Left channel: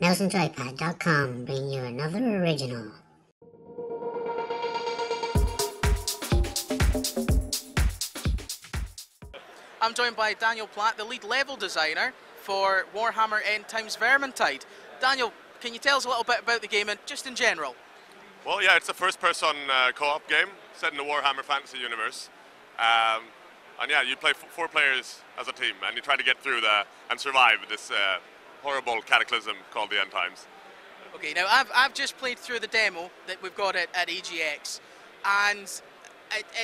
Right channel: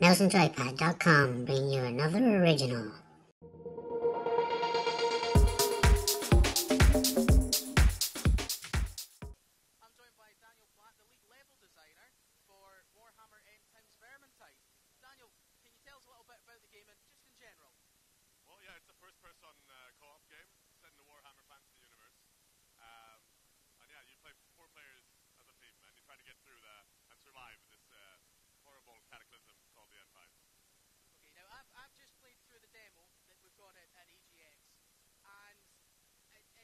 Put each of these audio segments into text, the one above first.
MouseandJoypad.com bring you another original. I'm joined by Daniel Platt, the lead level designer for Warhammer End Times Vermintide. Daniel, can you tell us a little bit about the game and just in general? Well, yeah, it's a first-person co-op game set in the Warhammer fantasy universe. And yeah, you play four players as a team, and you try to get through and survive this horrible cataclysm called the End Times. Okay, now I've just played through the demo that we've got at EGX, and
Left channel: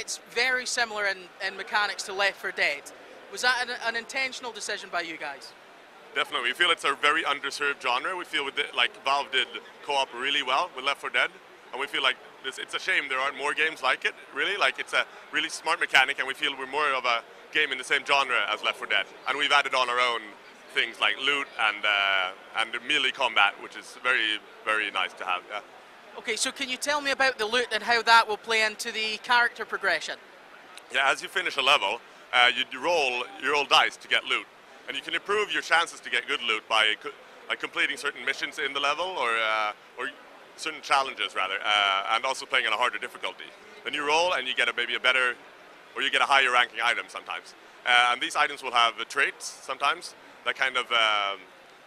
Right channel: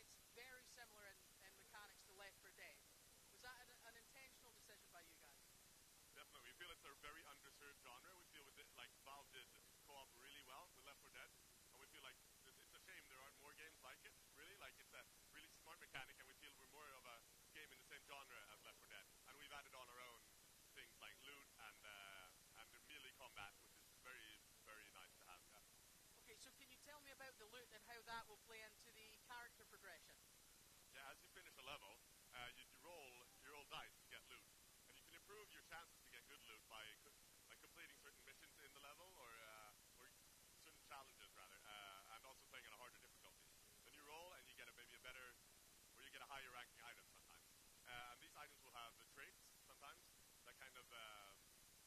it's very similar in mechanics to Left 4 Dead. Was that an intentional decision by you guys? Definitely, we feel it's a very underserved genre. We feel Valve did co-op really well with Left 4 Dead, and we feel like it's a shame there aren't more games like it, really. Like, it's a really smart mechanic, and we feel we're more of a game in the same genre as Left 4 Dead. And we've added on our own things like loot and melee combat, which is very, very nice to have. Yeah. Okay, so can you tell me about the loot and how that will play into the character progression? Yeah, as you finish a level, you roll dice to get loot, and you can improve your chances to get good loot by completing certain missions in the level or certain challenges rather, and also playing on a harder difficulty. Then you roll and you get maybe a better, or you get a higher ranking item sometimes. And these items will have traits sometimes that kind of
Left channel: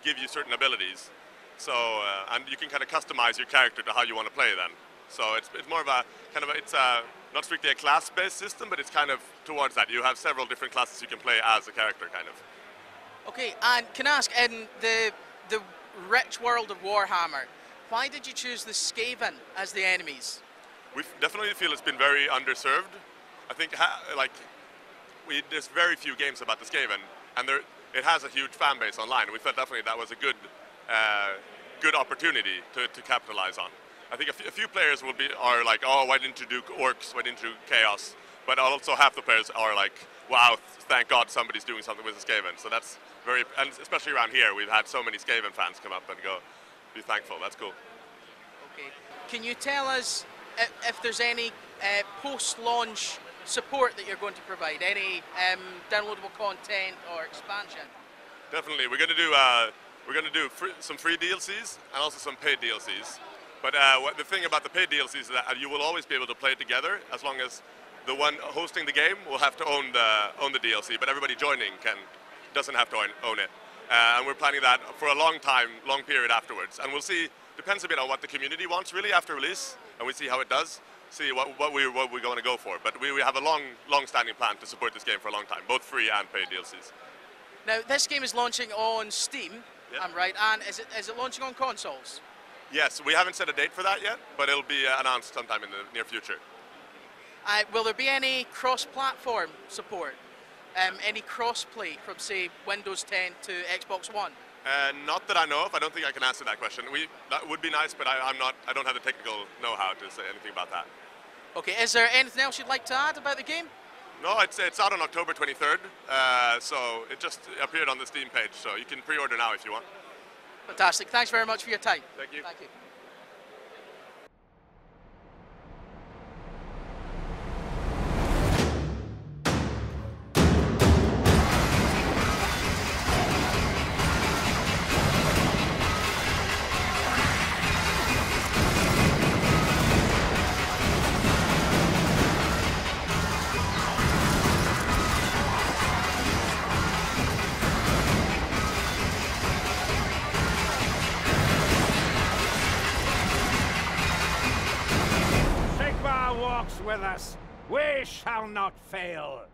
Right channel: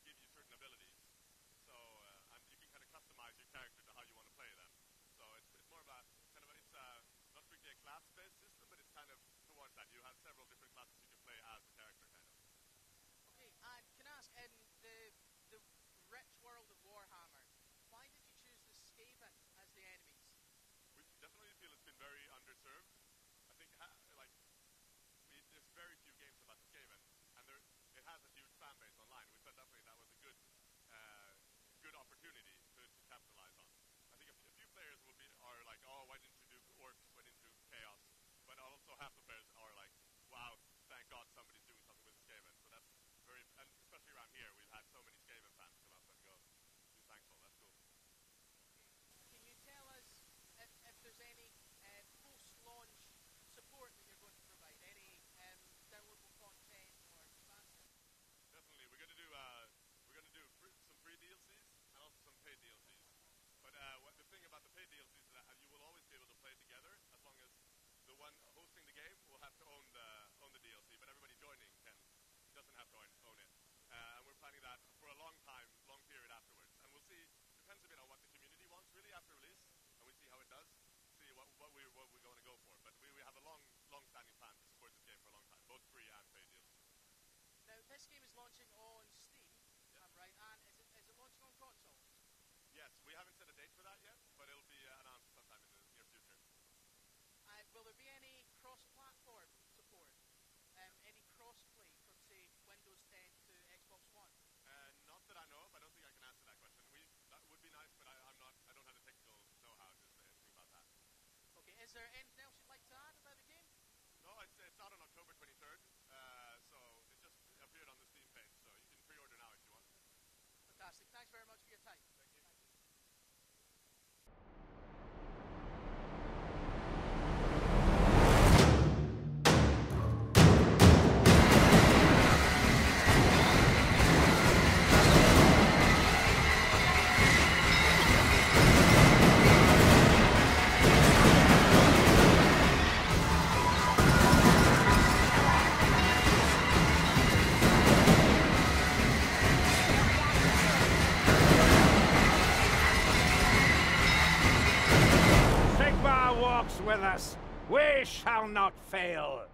give you certain abilities. So, and you can kind of customize your character to how you want to play then. So it's more of it's not strictly a class-based system, but it's kind of towards that. You have several different classes you can play as a character, kind of. Okay, and can I ask, in the rich world of Warhammer, why did you choose the Skaven as the enemies? We definitely feel it's been very underserved. I think there's very few games about the Skaven, and it has a huge fan base online. We felt definitely that was a good opportunity to capitalize on. I think a few players are like, oh, why didn't you do orcs? Why didn't you do chaos? But also half the players are like, wow, thank God somebody's doing something with the Skaven. So that's and especially around here, we've had so many Skaven fans come up and go, be thankful. That's cool. Okay. Can you tell us if there's any post-launch support that you're going to provide? Any downloadable content or expansion? Definitely. We're going to do some free DLCs and also some paid DLCs. But the thing about the paid DLCs is that you will always be able to play it together, as long as the one hosting the game will have to own the DLC, but everybody joining doesn't have to own it. And we're planning that for a long period afterwards. And we'll see, depends a bit on what the community wants really after release, and we see how it does, see what we're going to go for. But we have a long-standing plan to support this game for a long time, both free and paid DLCs. Now, this game is launching on Steam, yeah. I'm right, and is it launching on consoles? Yes, we haven't set a date for that yet, but it'll be announced sometime in the near future. Will there be any cross-platform support? Any cross-play from, say, Windows 10 to Xbox One? Not that I know of. I don't think I can answer that question. That would be nice, but I don't have the technical know-how to say anything about that. Okay, is there anything else you'd like to add about the game? No, it's out on October 23rd, so it just appeared on the Steam page, so you can pre-order now if you want. Fantastic. Thanks very much for your time. Thank you. Thank you. Walks with us, we shall not fail.